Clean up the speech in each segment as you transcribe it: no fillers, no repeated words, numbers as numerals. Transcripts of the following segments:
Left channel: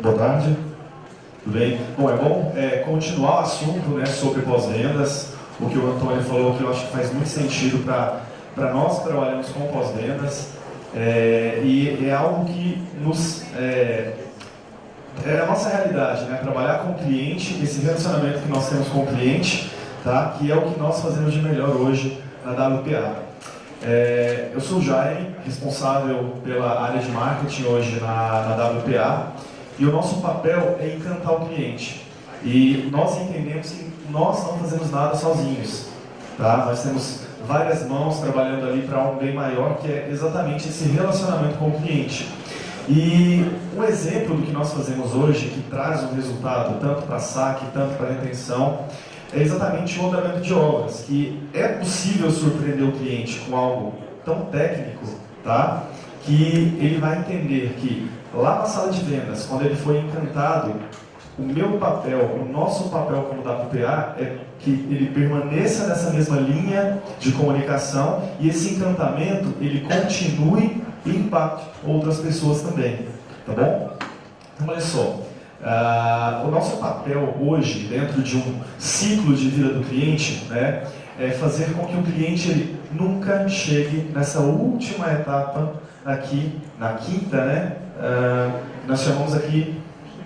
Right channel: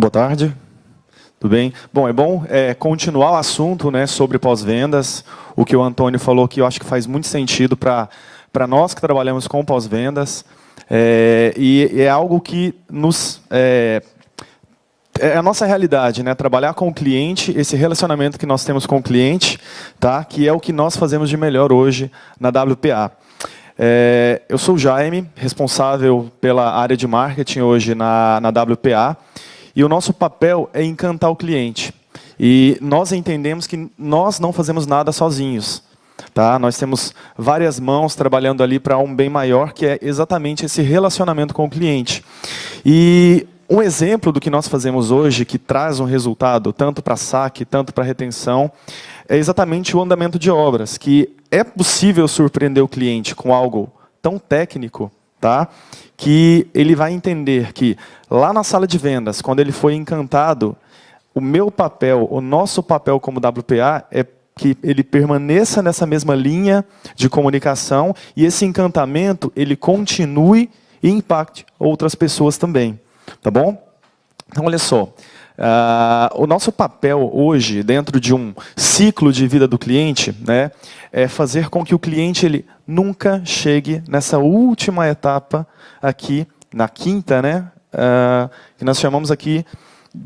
Boa tarde, tudo bem? Bom, é bom continuar o assunto, né, sobre pós-vendas. O que o Antônio falou que eu acho que faz muito sentido para nós que trabalhamos com pós-vendas. E é algo que é a nossa realidade, né? Trabalhar com o cliente, esse relacionamento que nós temos com o cliente, tá? Que é o que nós fazemos de melhor hoje na WPA. Eu sou o Jaime, responsável pela área de marketing hoje na WPA, e o nosso papel é encantar o cliente. E nós entendemos que nós não fazemos nada sozinhos, tá? Nós temos várias mãos trabalhando ali para um bem maior, que é exatamente esse relacionamento com o cliente. E um exemplo do que nós fazemos hoje, que traz um resultado tanto para saque, tanto para retenção, é exatamente o andamento de obras, que é possível surpreender o cliente com algo tão técnico, tá? Que ele vai entender que lá na sala de vendas, quando ele foi encantado, o meu papel, o nosso papel como WPA é que ele permaneça nessa mesma linha de comunicação e esse encantamento ele continue e impacte outras pessoas também, tá bom? Então, olha só, o nosso papel hoje, dentro de um ciclo de vida do cliente, né, é fazer com que o cliente ele nunca chegue nessa última etapa aqui, na quinta, né, que nós chamamos aqui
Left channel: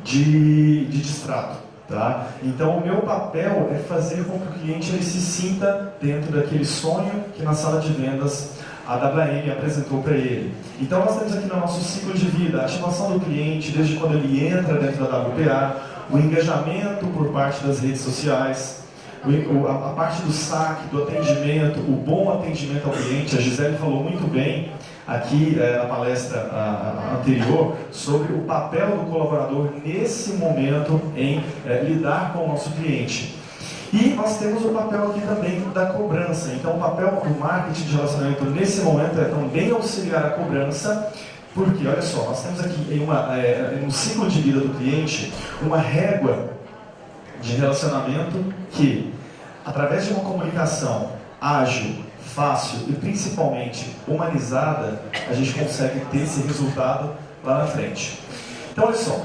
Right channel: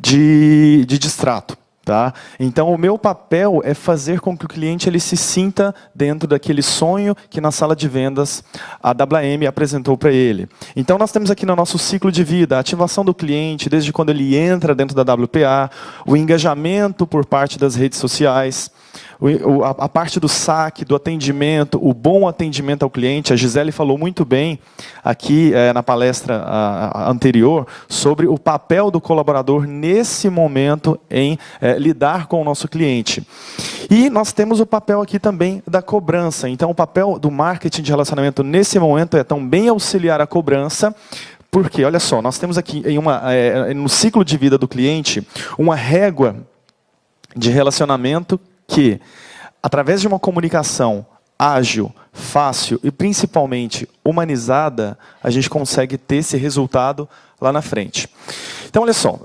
de distrato. Tá? Então, o meu papel é fazer com que o cliente ele se sinta dentro daquele sonho que na sala de vendas a WM apresentou para ele. Então, nós temos aqui no nosso ciclo de vida a ativação do cliente, desde quando ele entra dentro da WPA, o engajamento por parte das redes sociais, a parte do saque, do atendimento, o bom atendimento ao cliente. A Gisele falou muito bem aqui na palestra anterior sobre o papel do colaborador nesse momento em lidar com o nosso cliente. E nós temos o papel aqui também da cobrança. Então, o papel do marketing de relacionamento nesse momento é também auxiliar a cobrança. Porque, olha só, nós temos aqui no ciclo de vida do cliente uma régua de relacionamento que, através de uma comunicação ágil, fácil e principalmente humanizada, a gente consegue ter esse resultado lá na frente. Então, olha só,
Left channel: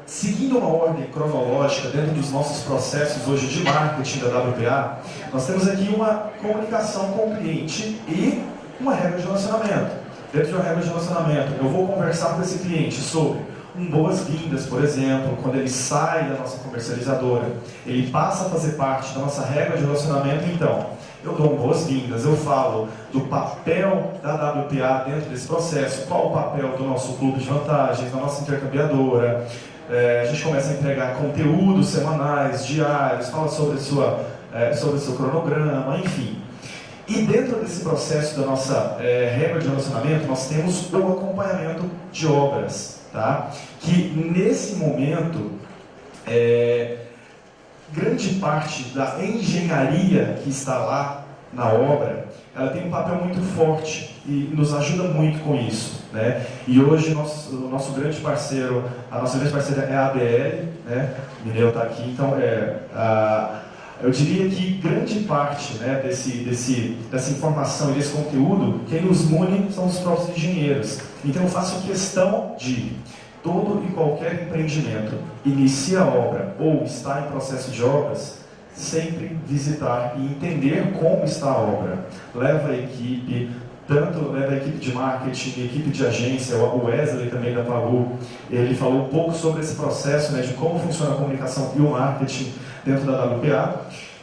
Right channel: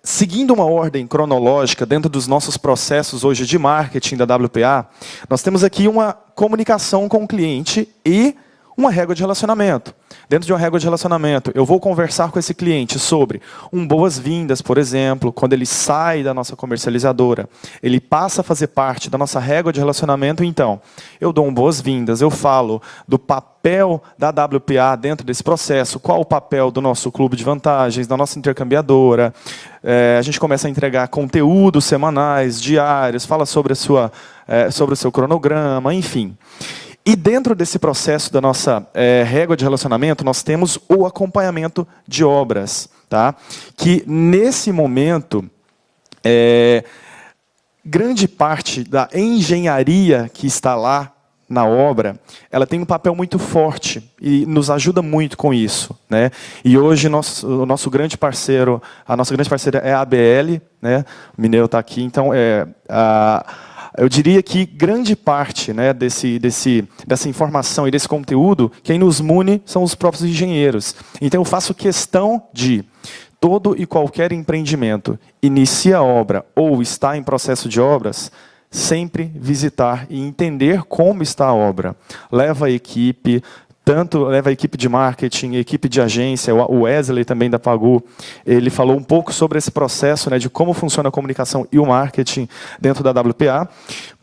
seguindo uma ordem cronológica dentro dos nossos processos hoje de marketing da WPA, nós temos aqui uma comunicação com o cliente e uma régua de relacionamento. Dentro de uma régua de relacionamento, eu vou conversar com esse cliente sobre boas-vindas, por exemplo, quando ele sai da nossa comercializadora, ele passa a fazer parte da nossa régua de relacionamento, então, eu dou boas-vindas, eu falo do papel da WPA dentro desse processo, qual o papel do nosso clube de vantagens, da nossa intercambiadora, a gente começa a entregar conteúdos semanais, diários, fala sobre sobre o seu cronograma, enfim. E dentro desse processo da nossa régua de relacionamento, nós temos o acompanhamento de obras, tá? Que nesse momento, grande parte da engenharia que está lá na obra, ela tem um papel muito forte e nos ajuda muito com isso, né? E hoje o nosso grande parceiro, a nossa grande parceira é a ABL, né? O Mineiro está aqui, então eu diria que grande parte, né, dessa informação e desse conteúdo, quem nos mune são os próprios engenheiros. Então eu faço questão de todo e qualquer empreendimento inicia a obra ou está em processo de obras, sempre visitar e entender como está a obra. Leva a equipe, leva a equipe de marketing, a equipe de agência, o Wesley também da Pagu, ele falou um pouco sobre esse processo, né, de como funciona a comunicação e o marketing dentro da WPA.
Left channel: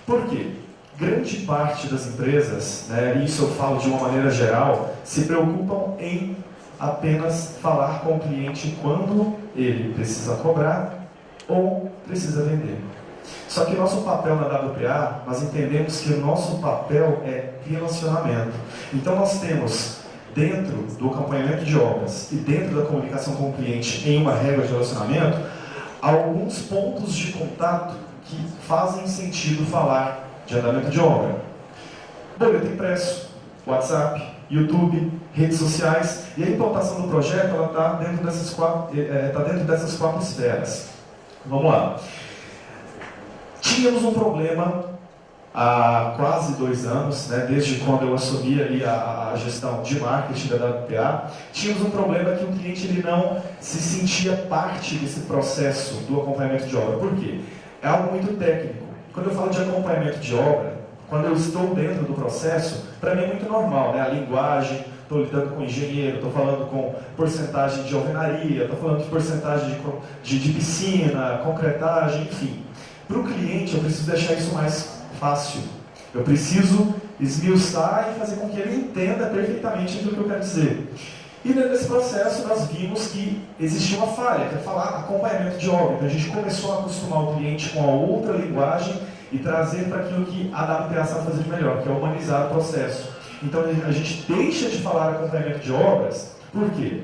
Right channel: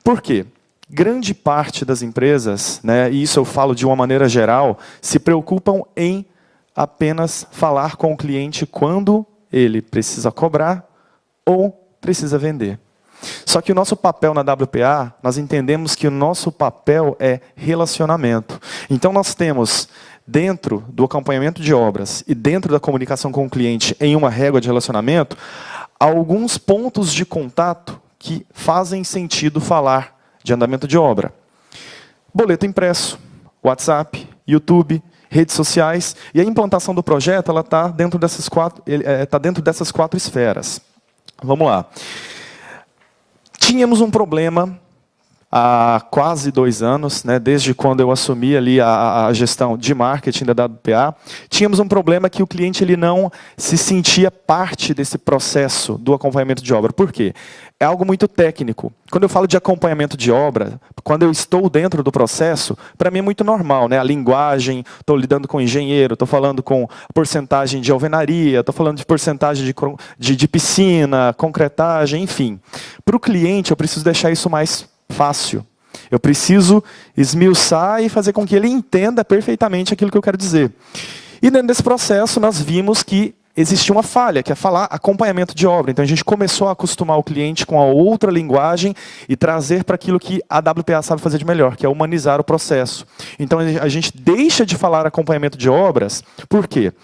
Por quê? Grande parte das empresas, né, e isso eu falo de uma maneira geral, se preocupam em apenas falar com o cliente quando ele precisa cobrar ou precisa vender. Só que o nosso papel na WPA, nós entendemos que o nosso papel é relacionamento. Então nós temos, dentro do acompanhamento de obras e dentro da comunicação com o cliente em uma régua de relacionamento, alguns pontos de contato que fazem sentido falar de andamento de obra. Boleto impresso, WhatsApp, YouTube, redes sociais, e a implantação do projeto ela está dentro dessas quatro esferas. Vamos lá. Tínhamos um problema há quase 2 anos, né, desde quando eu assumi ali a gestão de marketing da WPA, tínhamos um problema que o cliente ele não se sentia parte desse processo do acompanhamento de obra. Por quê? É algo muito técnico. Quando eu falo de acompanhamento de obra, quando eu estou dentro do processo, para mim é muito normal, né? A linguagem, estou lidando com engenheiro, estou falando com porcentagem de alvenaria, estou falando de porcentagem de piscina, concretagem, enfim. Para o cliente, eu preciso deixar isso mais fácil. Eu preciso esmiuçar e fazer com que ele entenda perfeitamente aquilo que eu quero dizer. E dentro desse processo, nós vimos que existia uma falha, que é falar acompanhamento de obra. Então, a gente começou a acostumar o cliente com a outra linguagem e trazer para aquilo que a WPA sabe fazer de melhor, que é humanizar o processo. Então, a gente deixa de falar acompanhamento de obras, por quê?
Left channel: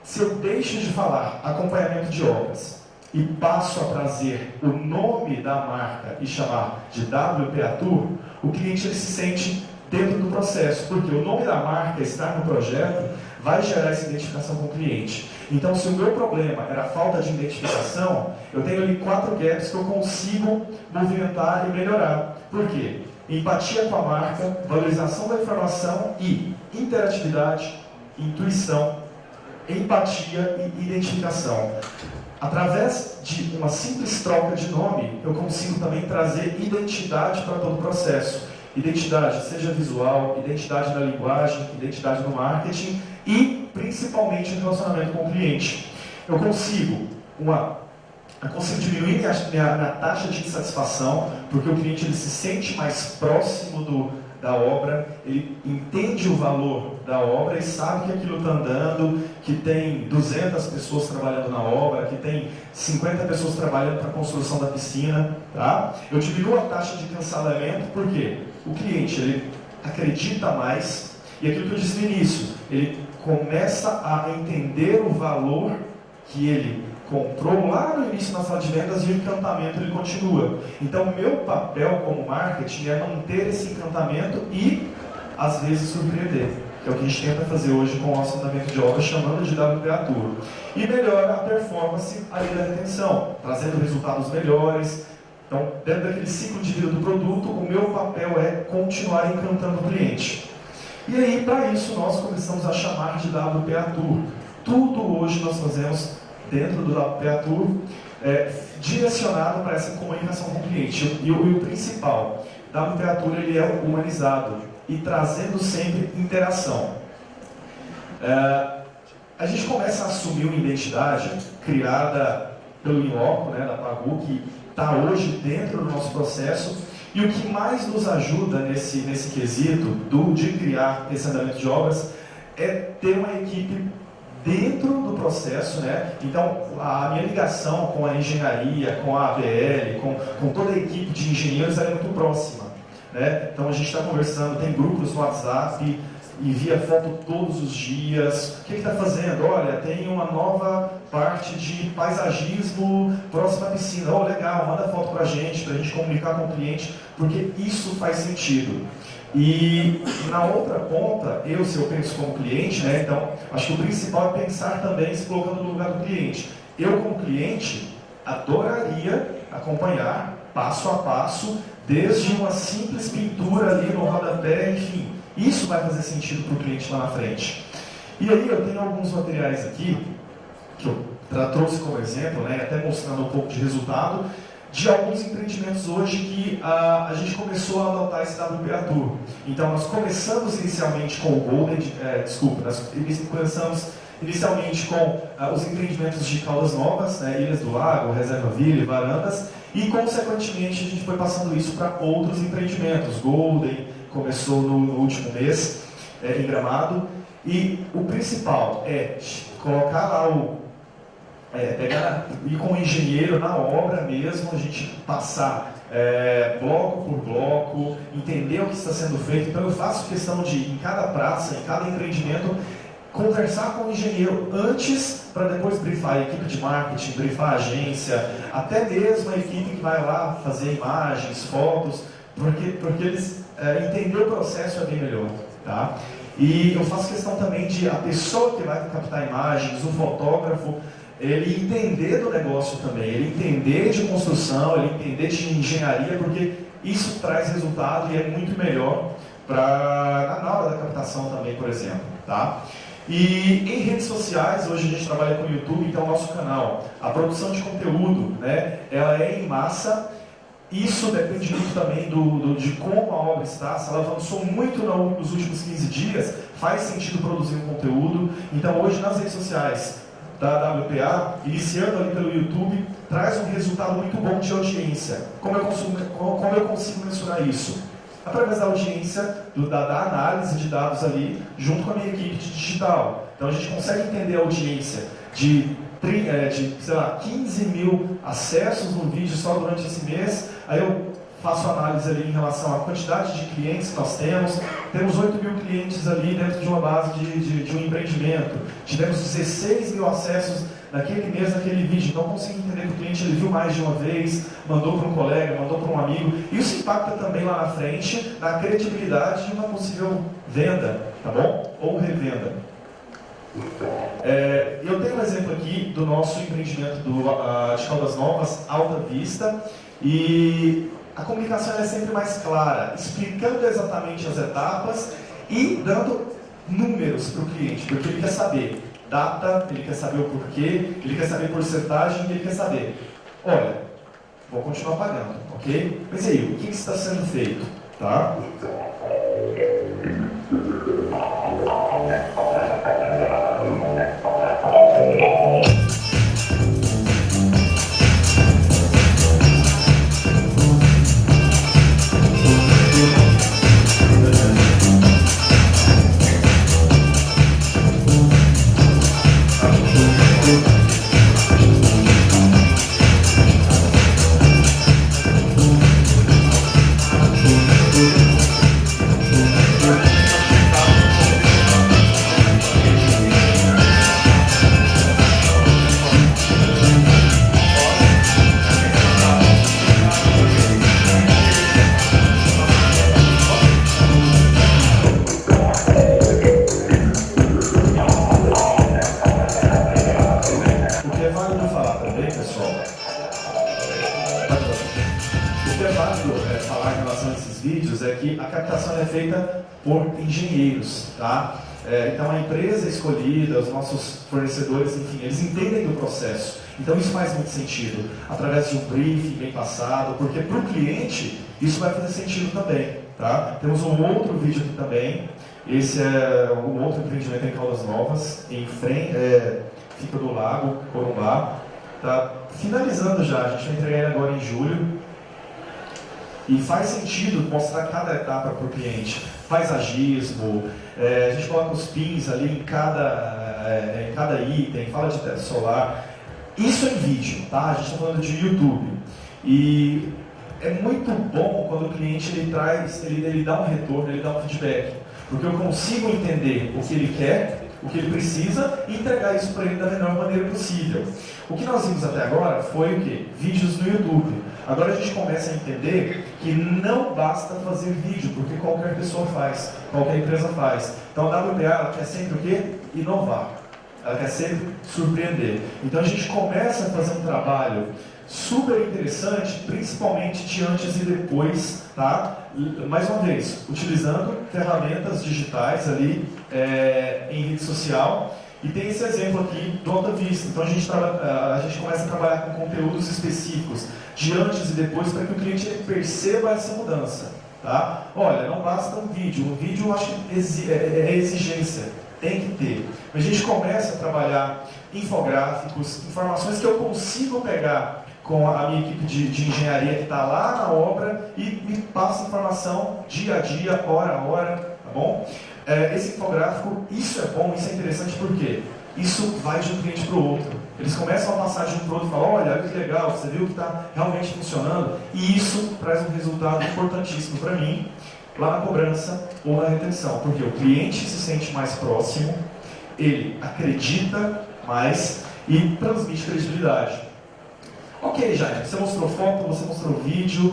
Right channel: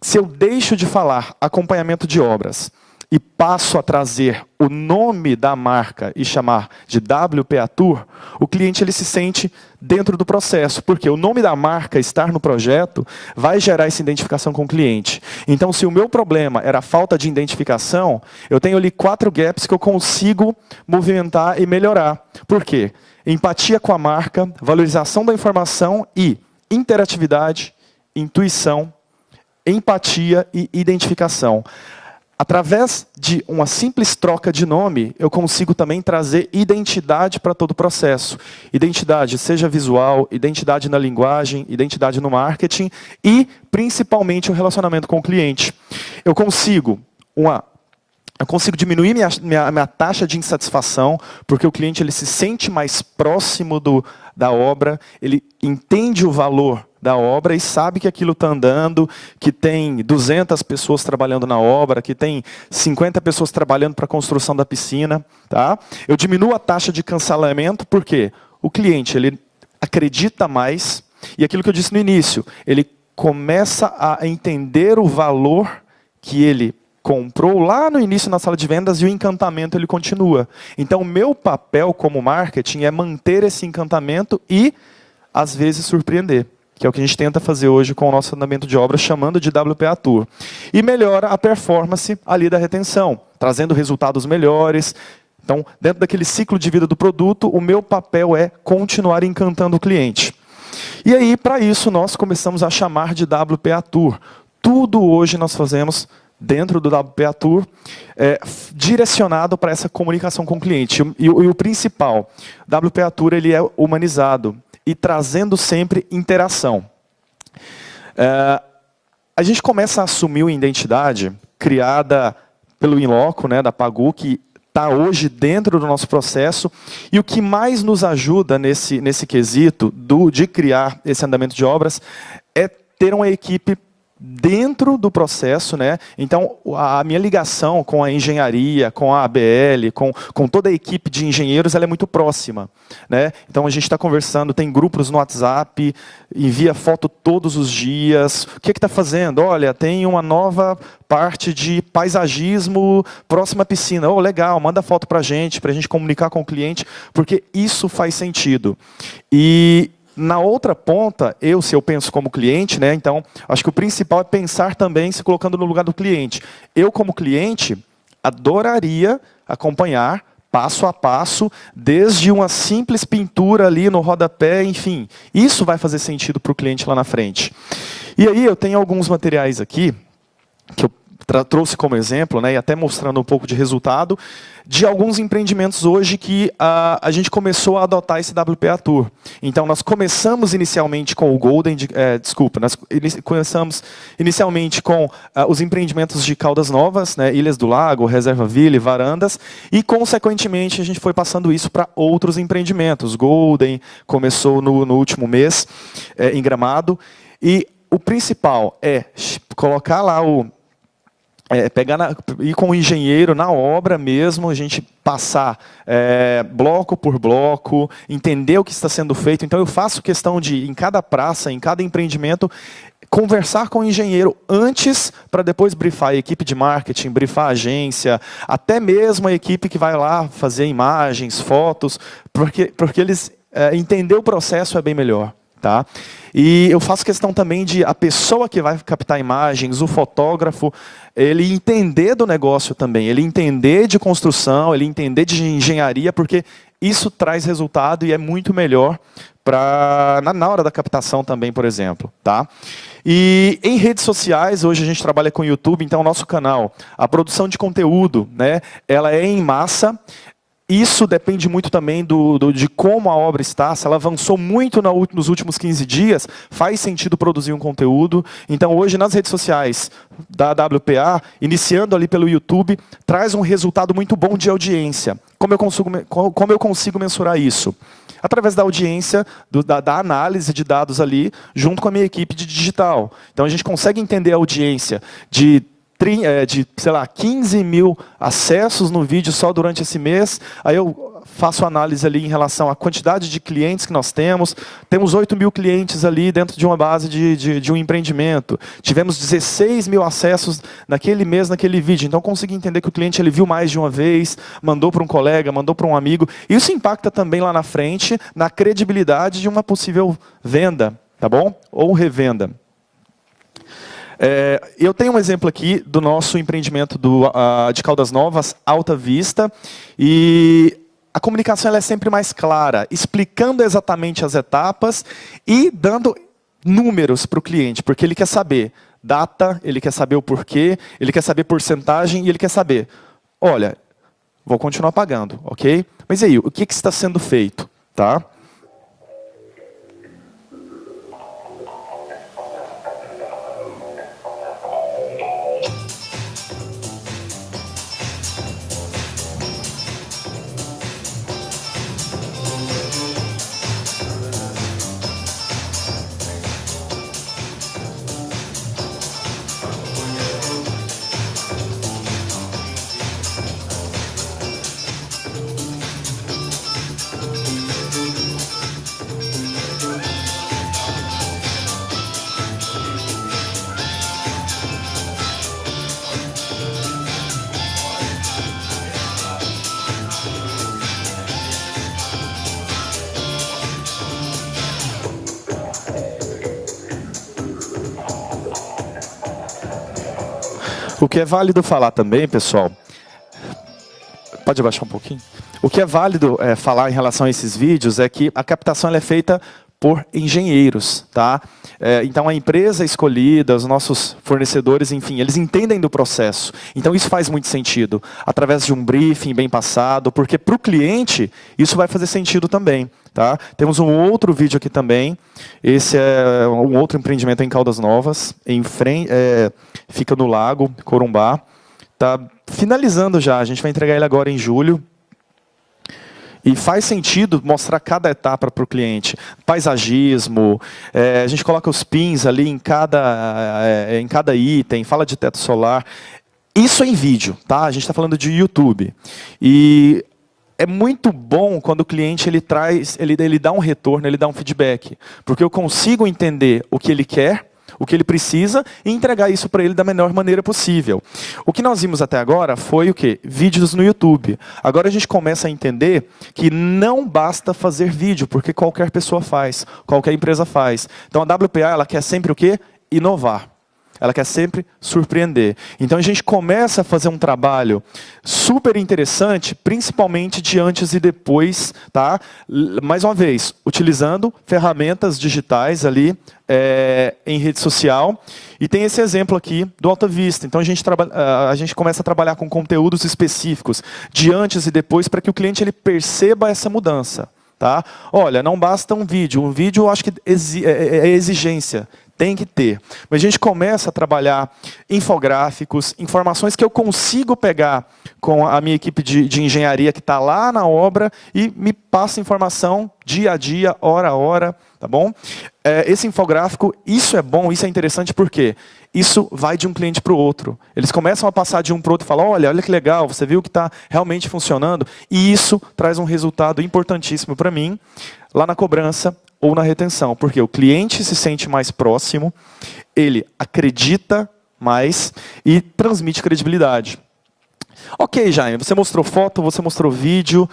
Se eu deixo de falar acompanhamento de obras e passo a trazer o nome da marca e chamar de WPA Tour, o cliente ele se sente dentro do processo, porque o nome da marca estar no projeto vai gerar essa identificação com o cliente. Então, se o meu problema era a falta de identificação, eu tenho ali 4 gaps que eu consigo movimentar e melhorar. Por quê? Empatia com a marca, valorização da informação e interatividade, intuição, empatia e identificação. Através de uma simples troca de nome, eu consigo também trazer identidade para todo o processo. Identidade, seja visual, identidade na linguagem, identidade no marketing e, principalmente, o relacionamento com o cliente. Eu consigo diminuir minha taxa de insatisfação, porque o cliente ele se sente mais próximo da obra, ele entende o valor da obra e sabe que aquilo está andando, que tem 200 pessoas trabalhando na obra, que tem 50 pessoas trabalhando para a construção da piscina. Tá? Eu diminuo a taxa de cancelamento, por quê? O cliente ele acredita mais, e aquilo que eu disse no início, ele começa a entender o valor que ele comprou lá no início na sala de vendas e o encantamento ele continua. Então, o meu papel como marketing é manter esse encantamento e, às vezes, surpreender, que é o que a gente tenta fazer hoje com o nosso andamento de obra, chamando de WPA Tour. E melhora a performance ali da retenção, trazendo resultados melhores. Então, dentro daquele ciclo de vida do produto, o meu papel é continuar encantando o cliente. E aí, para isso, nós começamos a chamar de WPA Tour. Tudo hoje nós fazemos dentro do WPA Tour, direcionado para essa comunicação com o cliente. E o principal, WPA Tour ele é humanizado e trazendo sempre interação. A gente começa a assumir uma identidade criada pelo Inloco, né, da Pagu, que está hoje dentro do nosso processo, e o que mais nos ajuda nesse quesito de criar esse andamento de obras é ter uma equipe dentro do processo, né? Então, a minha ligação com a engenharia, com a ABL, com toda a equipe de engenheiros, ela é muito próxima, né? Então, a gente está conversando, tem grupos no WhatsApp, envia foto todos os dias. O que está fazendo? Olha, tem uma nova parte de paisagismo próxima à piscina. Oh, legal, manda foto para a gente comunicar com o cliente, porque isso faz sentido. E na outra ponta, se eu penso como cliente, né, então, acho que o principal é pensar também se colocando no lugar do cliente. Eu, como cliente, adoraria acompanhar passo a passo, desde uma simples pintura ali no rodapé, enfim. Isso vai fazer sentido para o cliente lá na frente. E aí eu tenho alguns materiais aqui, que eu trouxe como exemplo, né, e até mostrando um pouco de resultado, de alguns empreendimentos hoje que a gente começou a adotar esse WPA Tour. Então, nós começamos inicialmente com o Golden... nós começamos inicialmente com os empreendimentos de Caldas Novas, né, Ilhas do Lago, Reserva Ville, Varandas, e, consequentemente, a gente foi passando isso para outros empreendimentos. Golden começou no último mês, em Gramado, e o principal é colocar lá ir com o engenheiro na obra mesmo, a gente passar bloco por bloco, entender o que está sendo feito. Então eu faço questão de, em cada praça, em cada empreendimento, conversar com o engenheiro antes, para depois brifar a equipe de marketing, brifar a agência, até mesmo a equipe que vai lá fazer imagens, fotos, porque eles entender o processo é bem melhor, tá? E eu faço questão também de a pessoa que vai captar imagens, o fotógrafo, ele entender do negócio também, ele entender de construção, ele entender de engenharia, porque isso traz resultado e é muito melhor na hora da captação também, por exemplo. Tá? E em redes sociais, hoje a gente trabalha com o YouTube, então o nosso canal, a produção de conteúdo, né, ela é em massa. Isso depende muito também de como a obra está. Se ela avançou muito nos últimos 15 dias, faz sentido produzir um conteúdo. Então, hoje, nas redes sociais da WPA, iniciando ali pelo YouTube, traz um resultado muito bom de audiência. Como eu consigo mensurar isso? Através da audiência, da análise de dados ali, junto com a minha equipe de digital. Então, a gente consegue entender a audiência de sei lá, 15 mil acessos no vídeo só durante esse mês. Aí eu faço análise ali em relação à quantidade de clientes que nós temos. Temos 8 mil clientes ali dentro de uma base de um empreendimento. Tivemos 16 mil acessos naquele mês, naquele vídeo. Então, eu consigo entender que o cliente ele viu mais de uma vez, mandou para um colega, mandou para um amigo. Isso impacta também lá na frente, na credibilidade de uma possível venda, tá bom? Ou revenda. Eu tenho um exemplo aqui do nosso empreendimento de Caldas Novas, Alta Vista, e a comunicação ela é sempre mais clara, explicando exatamente as etapas e dando números para o cliente, porque ele quer saber data, ele quer saber o porquê, ele quer saber porcentagem e ele quer saber, olha, vou continuar pagando, ok? Mas e aí, o que está sendo feito? Tá? O que é válido falar também, pessoal, pode abaixar um pouquinho. O que é válido falar em relação a esses vídeos é que a captação ela é feita por engenheiros, tá? Então a empresa escolhida, os nossos fornecedores, enfim, eles entendem do processo. Então isso faz muito sentido, através de um briefing bem passado, porque para o cliente isso vai fazer sentido também. Tá? Temos um outro vídeo aqui também. Esse é um outro empreendimento em Caldas Novas, em frente, fica no Lago Corumbá. Tá finalizando já, a gente vai entregar ele agora em julho. E faz sentido mostrar cada etapa para o cliente. Paisagismo, a gente coloca os pins ali em cada item, fala de teto solar. Isso é em vídeo, tá? A gente está falando de YouTube. E é muito bom quando o cliente ele dá um retorno, ele dá um feedback. Porque eu consigo entender o que ele quer, o que ele precisa e entregar isso para ele da melhor maneira possível. O que nós vimos até agora foi o quê? Vídeos no YouTube. Agora a gente começa a entender que não basta fazer vídeo, porque qualquer pessoa faz, qualquer empresa faz. Então a WPA ela quer sempre o quê? Inovar. Ela quer sempre surpreender. Então a gente começa a fazer um trabalho super interessante, principalmente de antes e depois, tá? Mais uma vez, utilizando ferramentas digitais ali em rede social. E tem esse exemplo aqui do Alta Vista. Então a gente começa a trabalhar com conteúdos específicos de antes e depois para que o cliente ele perceba essa mudança, tá? Olha, não basta um vídeo. O vídeo eu acho que é exigência. Tem que ter. Mas a gente começa a trabalhar infográficos, informações que eu consigo pegar com a minha equipe de engenharia que está lá na obra e me passa informação dia a dia, hora a hora, tá bom? Esse infográfico, isso é bom, isso é interessante porque isso vai de um cliente para o outro. Eles começam a passar de um para o outro e falam, olha que legal, você viu que está realmente funcionando? E isso traz um resultado importantíssimo para mim, lá na cobrança ou na retenção, porque o cliente se sente mais próximo, ele acredita mais e transmite credibilidade. Ok, Jaime, você mostrou foto, você mostrou vídeo,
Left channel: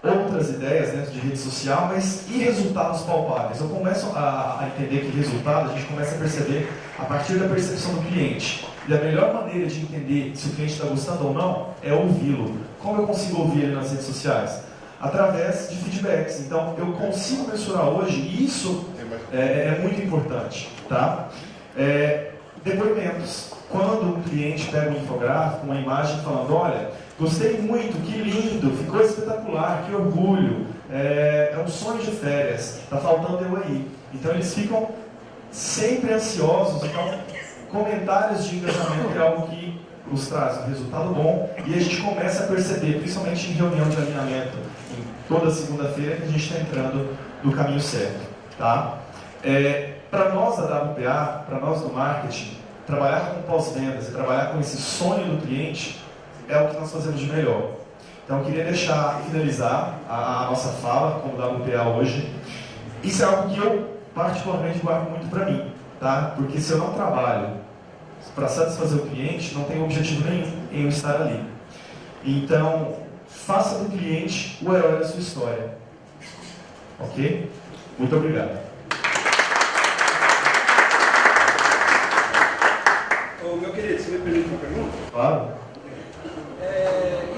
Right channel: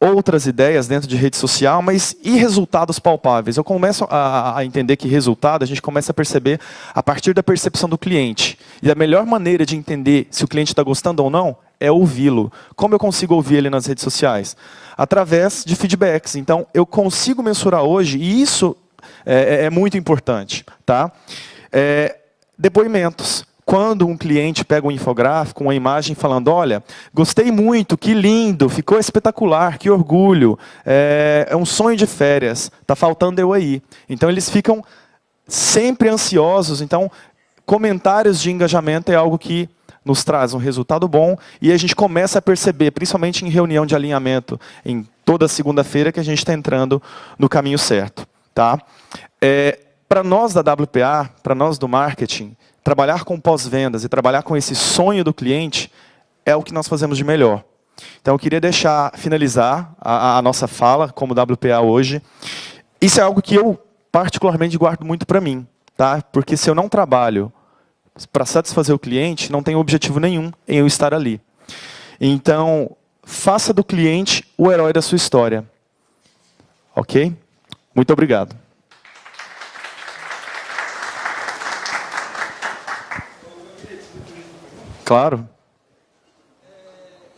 outras ideias dentro de rede social, mas e resultados palpáveis? Eu começo a entender que resultado a gente começa a perceber a partir da percepção do cliente. E a melhor maneira de entender se o cliente está gostando ou não é ouvi-lo. Como eu consigo ouvir ele nas redes sociais? através de feedbacks. Então, eu consigo mensurar hoje, e isso é muito importante. Tá? Depoimentos. Quando um cliente pega um infográfico, uma imagem falando, olha, gostei muito, que lindo, ficou espetacular, que orgulho, é um sonho de férias, está faltando eu aí. Então, eles ficam sempre ansiosos. Então, comentários de engajamento é algo que nos traz um resultado bom e a gente começa a perceber, principalmente em reunião de alinhamento, em toda segunda-feira, que a gente está entrando no caminho certo. Tá? Para nós da WPA, para nós do marketing, trabalhar com pós-vendas e trabalhar com esse sonho do cliente é o que nós fazemos de melhor. Então, eu queria finalizar a nossa fala como WPA hoje. Isso é algo que eu, particularmente, guardo muito para mim. Tá? Porque se eu não trabalho para satisfazer o cliente, não tem objetivo nenhum em eu estar ali. Então, faça do cliente o herói da sua história. Ok? Muito obrigado. Meu querido, você me permite uma pergunta? Claro.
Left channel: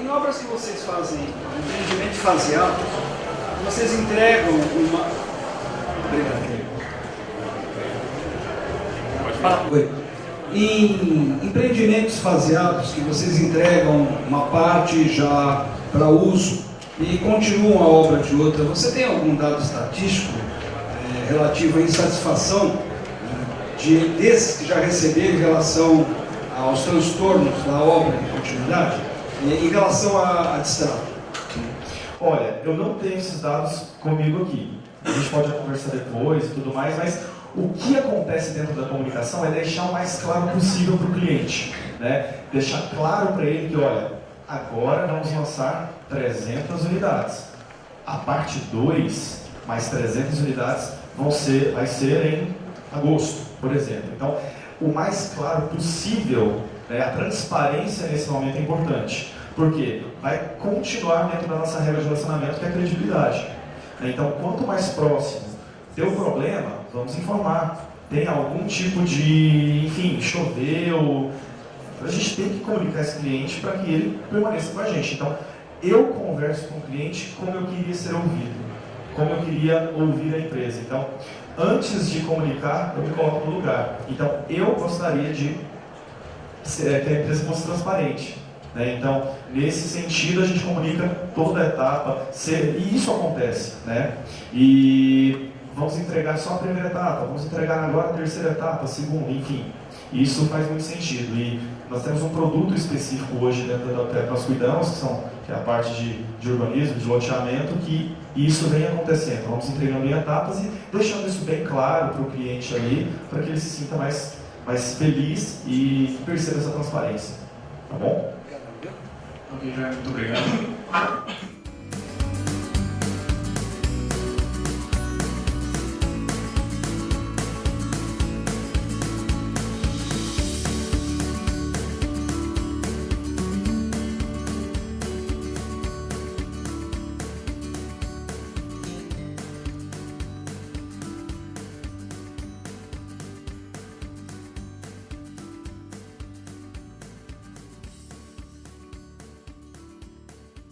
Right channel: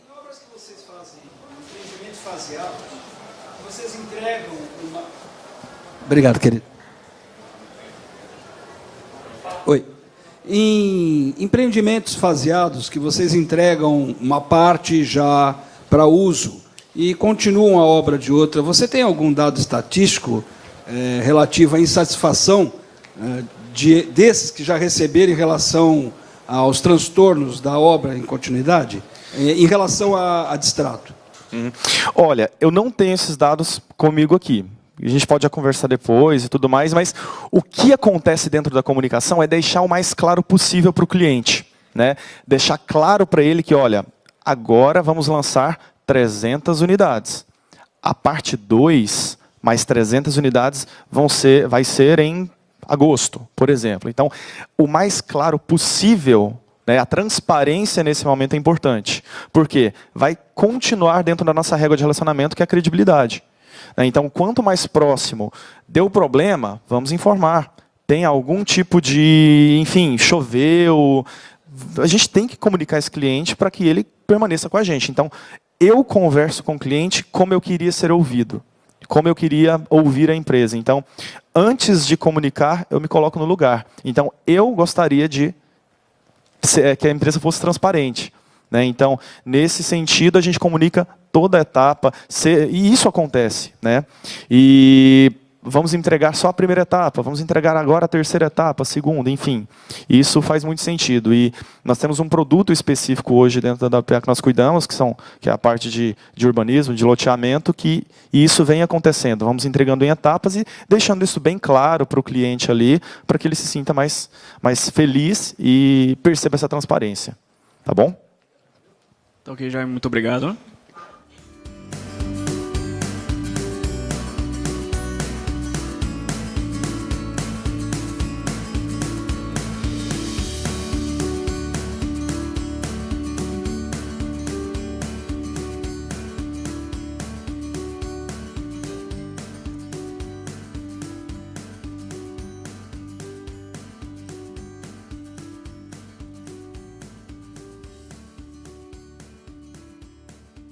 Em obras que vocês fazem, empreendimento faseado, vocês entregam uma... Obrigado, querido. Oi. Em empreendimentos faseados, que vocês entregam uma parte já para uso e continuam a obra de outra, você tem algum dado estatístico relativo à insatisfação desses que já receberam em relação aos transtornos da obra em continuidade, em relação a distrato? Olha, eu não tenho esses dados comigo aqui. A gente pode já conversar depois e tudo mais, mas o que acontece dentro da comunicação é deixar o mais claro possível para o cliente. Né? Deixar claro para ele que, olha, agora vamos lançar 300 unidades. A parte 2, mais 300 unidades, vai ser em agosto, por exemplo. Então, o mais claro possível, né, a transparência nesse momento é importante. Por quê? Vai continuar dentro da nossa régua de relacionamento, que é a credibilidade. Então, quanto mais próximo deu problema, vamos informar. Tem algum tipo de, enfim, choveu. A gente tem que comunicar esse cliente para que ele permaneça com a gente. Então, eu converso com o cliente como eu queria ser ouvido, como eu queria ouvir a empresa. Então, antes de comunicar, eu me coloco no lugar. Então, eu gostaria de que a empresa fosse transparente. Né? Então, nesse sentido, a gente comunica toda a etapa, e isso acontece. Né? E vamos entregar só a primeira etapa, vamos entregar agora a terceira etapa, a segunda, enfim. Isso faz muito sentido. E nós temos um produto específico hoje dentro da WPA que nós cuidamos, que é a parte de urbanismo, de loteamento, e isso vem acontecendo. Vamos entregando em etapas e deixando isso bem claro para o cliente ali, para que ele se sinta mais feliz e perceba essa transparência. Tá bom? Então, ok, já muito obrigado.